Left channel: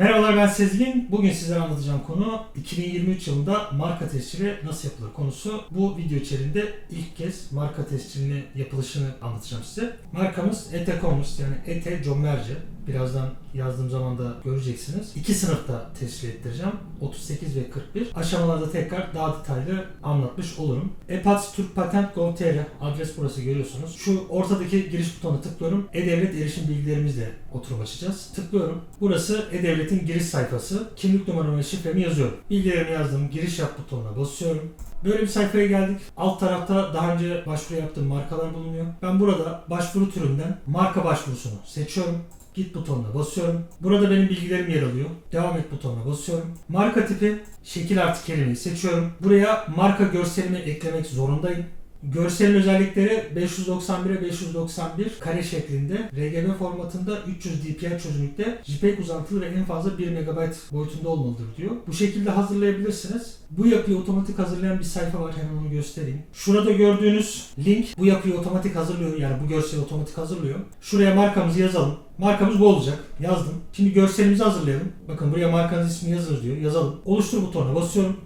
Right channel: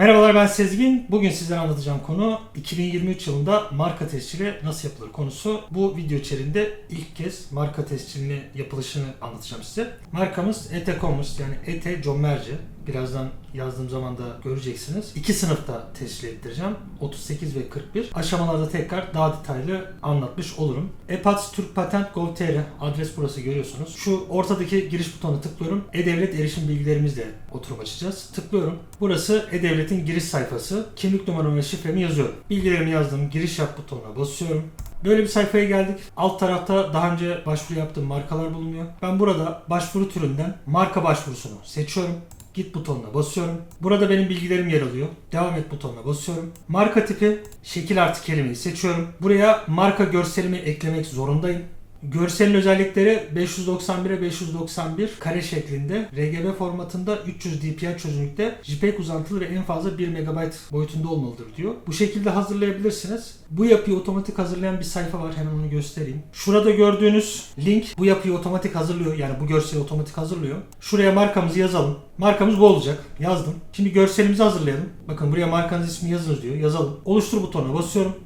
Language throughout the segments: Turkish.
Merhabalar ben Sezgin. Bugün sizlere anlatacağım konu 2023 yılında marka tescili nasıl yapılır konusu. Bu video içerisinde ilk kez marka tescilini yapılışını anlatacağım size. Markamız ET Commerce yani ET Commerce. Birazdan yazdığım zaman da göreceksiniz. İki sınıfta tescil ettireceğim. 38 ve 41. Aşamalarda tekrar daha detaylı anlatmış olurum. EPATS Türk Patent Gov.tr adres burası görüyorsunuz. Şu ortadaki giriş butonuna tıklıyorum. E-Devlet erişim bilgilerimizle oturum açacağız. Tıklıyorum. Burası E-Devlet'in giriş sayfası. Kimlik numaramı ve şifremi yazıyorum. Bilgilerimi yazdım. Giriş yap butonuna basıyorum. Böyle bir sayfaya geldik. Alt tarafta daha önce başvuru yaptığım markalar bulunuyor. Ben burada başvuru türünden marka başvurusunu seçiyorum. Git butonuna basıyorum. Burada benim bilgilerim yer alıyor. Devam et butonuna basıyorum. Marka tipi şekil artı kelimeyi seçiyorum. Buraya marka görselimi eklemek zorundayım. Görselin özellikleri 591'e 591 kare şeklinde RGB formatında 300 dpi çözünürlükte JPEG uzantılı ve en fazla 1 MB boyutunda olmalıdır diyor. Bu şekilde hazırlayabilirsiniz. Bu yapıyı otomatik hazırlayan bir sayfa var hemen onu göstereyim. Şurada gördüğünüz link bu yapıyı otomatik hazırlıyor yani bu görseli otomatik hazırlıyor. Şuraya markamızı yazalım. Markamız bu olacak. Yazdım. Şimdi görselimizi hazırlayalım. Bakın buraya markanız ismini yazınız diyor. Yazalım. Oluştur butonuna basıyorum.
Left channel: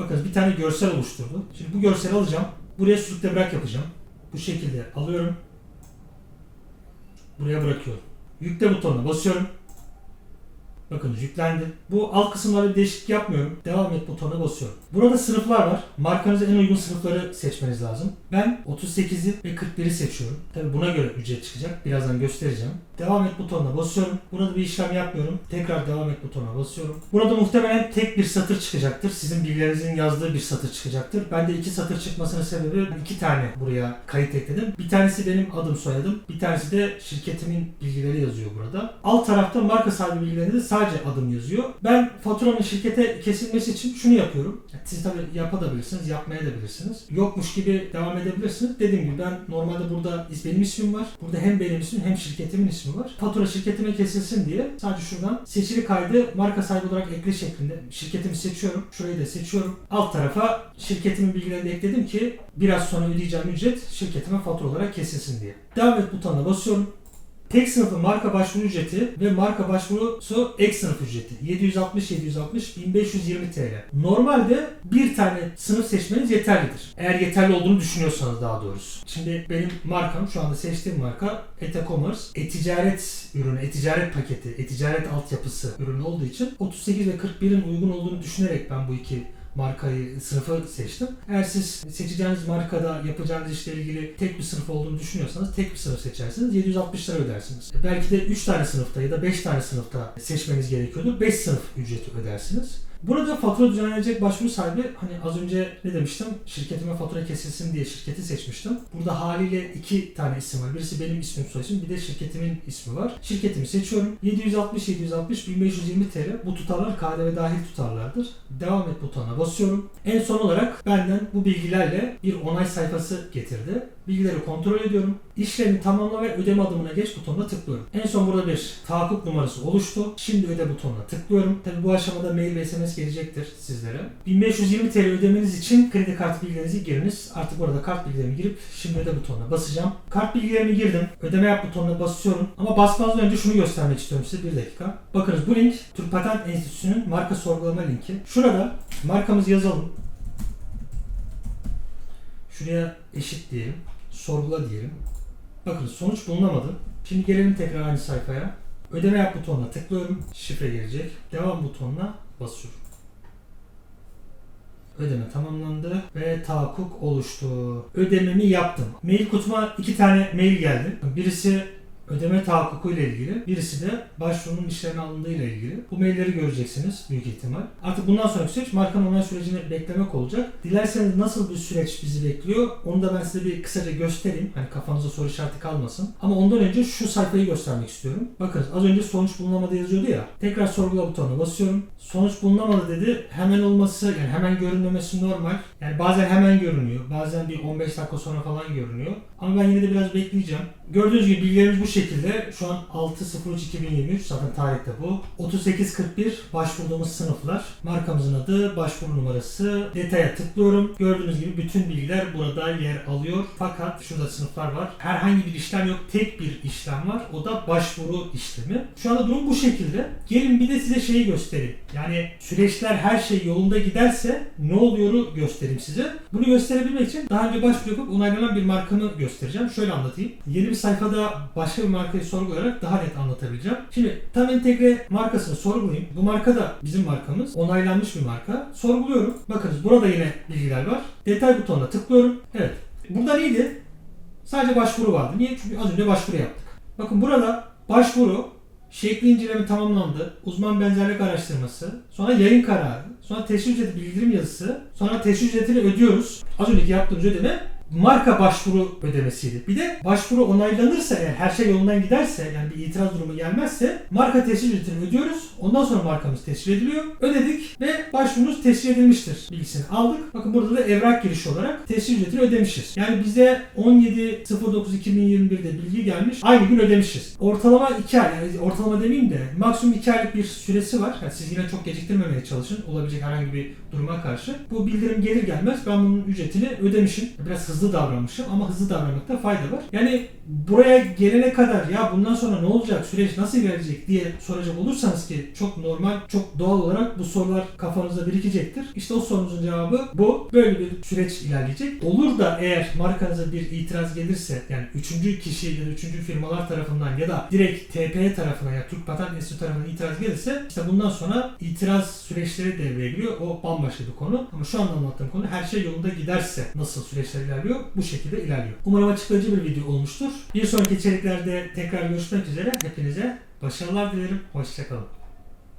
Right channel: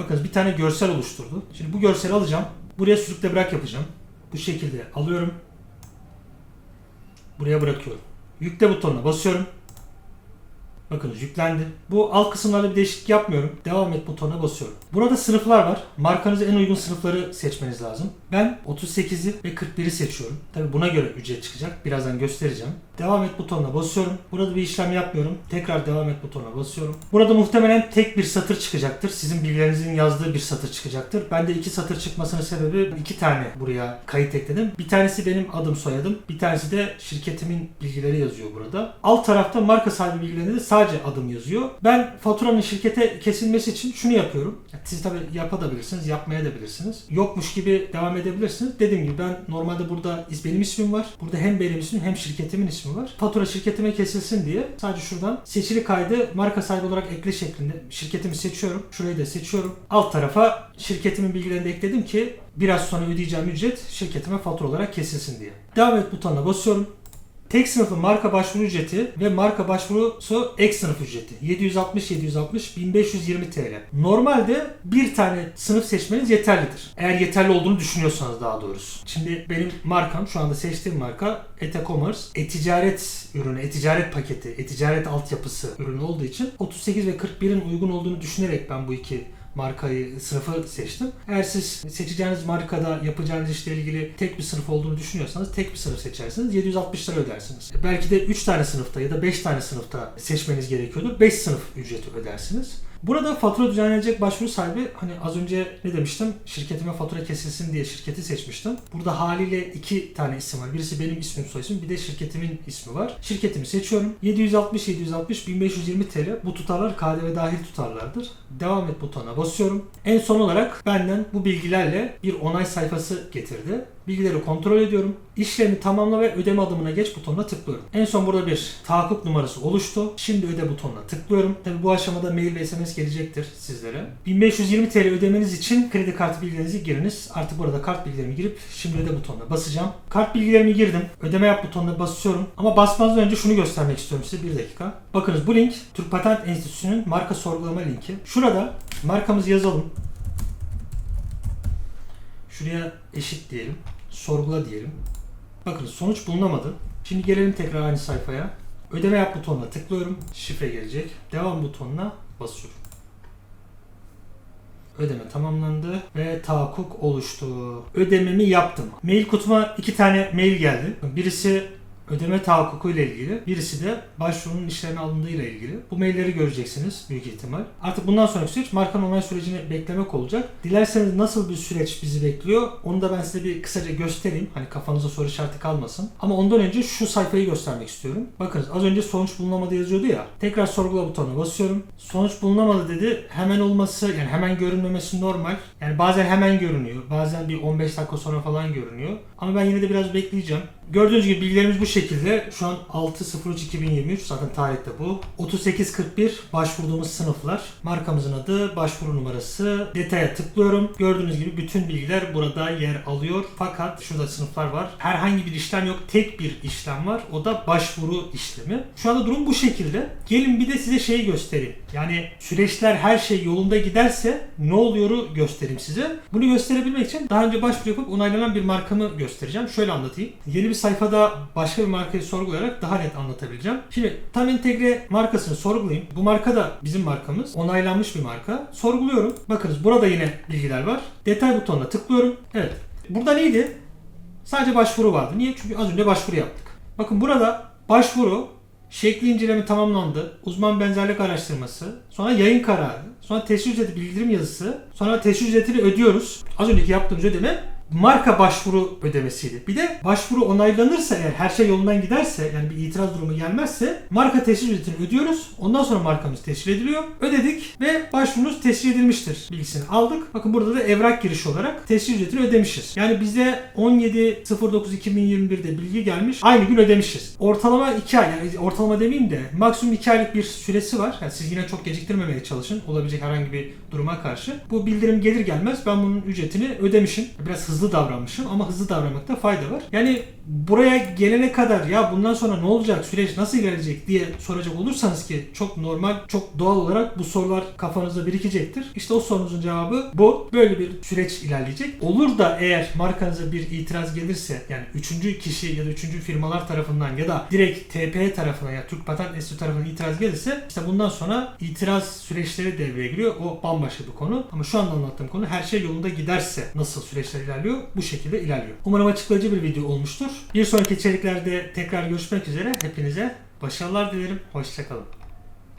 Bakın bir tane görsel oluşturdu. Şimdi bu görseli alacağım. Buraya sürükle bırak yapacağım. Bu şekilde alıyorum. Buraya bırakıyorum. Yükle butonuna basıyorum. Bakınız yüklendi. Bu alt kısımlarda bir değişiklik yapmıyorum. Devam et butonuna basıyorum. Burada sınıflar var. Markanıza en uygun sınıfları seçmeniz lazım. Ben 38'i ve 41'i seçiyorum. Tabi buna göre ücret çıkacak. Birazdan göstereceğim. Devam et butonuna basıyorum. Burada bir işlem yapmıyorum. Tekrar devam et butonuna basıyorum. Burada muhtemelen tek bir satır çıkacaktır. Sizin bilgilerinizin yazdığı bir satır çıkacaktır. Ben de iki satır çıkmasının sebebi iki tane buraya kayıt ekledim. Bir tanesi benim adım soyadım. Bir tanesi de şirketimin bilgileri yazıyor burada. Alt tarafta marka sahibi bilgilerinde de sadece adım yazıyor. Ben faturanın şirkete kesilmesi için şunu yapıyorum. Siz tabii yapabilirsiniz, yapmaya da bilirsiniz. Yokmuş gibi devam edebilirsiniz. Dediğim gibi ben normalde burada benim ismim var. Burada hem benim ismim hem şirketimin ismi var. Fatura şirketime kesilsin diye sadece şuradan seçili kaydı marka sahibi olarak ekle şeklinde şirketimi seçiyorum. Şurayı da seçiyorum. Alt tarafa şirketimin bilgilerini ekledim ki biraz sonra ödeyeceğim ücret şirketime fatura olarak kesilsin diye. Devam et butonuna basıyorum. Tek sınıflı marka başvuru ücreti ve marka başvurusu ek sınıf ücreti. 760 760 1520 TL. Normalde bir tane sınıf seçmeniz yeterlidir. Eğer yeterli olduğunu düşünüyorsanız daha doğrusu. Şimdi benim markam şu anda seçtiğim marka e-commerce. E-ticaret ürünü, e-ticaret paketi, e-ticaret altyapısı ürünü olduğu için 38 ve 41'in uygun olduğunu düşünerek ben bu iki markayı, sınıfı seçtim. Eğer siz seçeceğiniz markada yapacağınız işle ilgili tek bir sınıf olduğunu düşünüyorsanız tek bir sınıf seçersiniz. 760 lira ödersiniz. Belki de 3 tane sınıfta ya da 5 tane sınıfta seçmeniz gerekiyordur. 5 sınıf ücreti ödersiniz. Burada fatura düzenlenecek başvuru sahibi hani az önce ne demiştim? Şirketime fatura kesilsin diye şirketi seçmiştim. Burada haliyle iki tane isim var. Birisi benim ismim soy isim bir de şirketimin ismi var. Şirketimi seçiyorum. 760 760 1520 TL bu tutarlar KDV dahil tutarlardır. Devam et butonuna basıyorum. En son olarak benden bu bilgilerle bir onay sayfası getirdi. Bilgileri kontrol ediyorum. İşlemi tamamla ve ödeme adımına geç butonuna tıklıyorum. En son burada bir tahakkuk numarası oluştu. Şimdi öde butonuna tıklıyorum. Tabi bu aşamada mail ve SMS gelecektir sizlere. 1520 TL ödemeniz için kredi kartı bilgilerinizi giriniz. Artık burada kart bilgilerimi girip şimdi öde butonuna basacağım. Kart bilgilerimi girdim. Ödeme yap butonuna basıyorum. Ama basmazdan önce şunu göstermek istiyorum size. Bir dakika. Bakınız bu link Türk Patent Enstitüsü'nün marka sorgulama linki. Şurada markamızı yazalım. Şuraya eşit diyelim. Sorgula diyelim. Bakın sonuç bulunamadı. Şimdi gelelim tekrar aynı sayfaya. Ödeme yap butonuna tıklıyorum. Şifre gelecek. Devam butonuna basıyorum. Ödeme tamamlandı ve tahakkuk oluştu. Ödememi yaptım. Mail kutuma iki tane mail geldi. Birisi ödeme tahakkuku ile ilgili. Birisi de başvurunun işlerine alındığı ile ilgili. Bu mailleri göreceksiniz büyük ihtimal. Artık bundan sonraki süreç markanın onay sürecini beklemek olacak. Dilerseniz nasıl bir süreç bizi bekliyor onu da ben size bir kısaca göstereyim. Hani kafanıza soru işareti kalmasın. Ama ondan önce şu sayfayı göstermek istiyorum. Bakın az önce sonuç bulunamadı yazıyordu ya. Tekrar sorgula butonuna basıyorum. Sonuç bulunamadı dedi. Hemen olması yani hemen görünmemesi normal. Yani bazen hemen görünüyor. Bazen bir 15 dakika sonra falan görünüyor. Ama ben yine de biraz bekleyeceğim. Gördüğünüz gibi bilgilerimiz bu şekilde. Şekilde şu an 6.03.2023 zaten tarihte bu. 3841 başvurduğumuz sınıflar. Markamızın adı, başvuru numarası. Detaya tıklıyorum. Gördüğünüz gibi bütün bilgiler burada yer alıyor. Fakat şurada sınıflar var. Herhangi bir işlem yok. Tek bir işlem var. O da başvuru işlemi. Şu anda durum bu şekilde. Gelin bir de size şeyi göstereyim. Yani süreçler her şey yolunda giderse ne oluyoru göstereyim size. Bunu gösterebilmek için daha önce başvuru yapıp onaylanan bir markamı göstereceğim. Şöyle anlatayım. Yeni bir sayfada başka bir markayı sorgulayarak daha net anlatabileceğim. Şimdi tam entegre markasını sorgulayayım. Bu marka da bizim markamız. Onaylanmış bir marka. Sorguluyorum. Bakınız burada yine bilgiler var. Detay butonuna tıklıyorum. Evet. Burada neydi? Sadece başvuru vardı. Niye? Çünkü az önce başvuru yaptık. Bakın burada başvuru, şekli inceleme tamamlandı, uzman benzerlik araştırması, sonra yayın kararı, sonra teşvik ücreti bildirim yazısı, sonra teşvik ücretini ödüyoruz. Az önceki yaptığımız ödeme marka başvuru ödemesiydi. Bir de başvuru onaylanırsa eğer her şey yolundan giderse yani bir itiraz durumu gelmezse marka tescil ücretini ödüyoruz. Ondan sonra markamız tescil ediliyor. Ödedik ve başvurunuz tescil edilmiştir bilgisini aldık. Bakın burada da evrak girişi olarak tescil ücretini ödemişiz. Yani bize 17.09.2021'de bilgi gelmiş. Aynı gün ödemişiz. Ortalama 2 ay yani ortalama demeyeyim de maksimum 2 aylık bir süresi var. Yani siz yine çok geciktirmemeye çalışın. Olabilecek herhangi bir duruma karşı. Bu bildirim gelir gelmez ben bunun ücretini ödemişim. Biraz hızlı davranmışım ama hızlı davranmakta fayda var. Yani buraya gelene kadar ya bundan sonra ne olacak, süreç nasıl ilerleyecek diye soracak olursanız ki çok normal, çok doğal olarak bu sorular kafanızda birikecektir. İşte o sorunuzun cevabı bu. Böyle bir süreç ilerleyecek. Olur da eğer markanıza bir itiraz gelirse yani üçüncü kişi ya da üçüncü firmalar tarafından ya da direkt TP tarafından ya Türk Patent Enstitüsü tarafından itiraz gelirse işte bundan sonra itiraz süreçleri devreye giriyor. O bambaşka bir konu. Ama şu anda anlattığım konu her şey yolunda giderse nasıl süreçler ilerliyor bu şekilde ilerliyor. Umarım açıklayıcı bir video olmuştur. Bir sonraki içeriklerde tekrar görüşmek üzere. Hepinize başarılar dilerim. Hoşçakalın.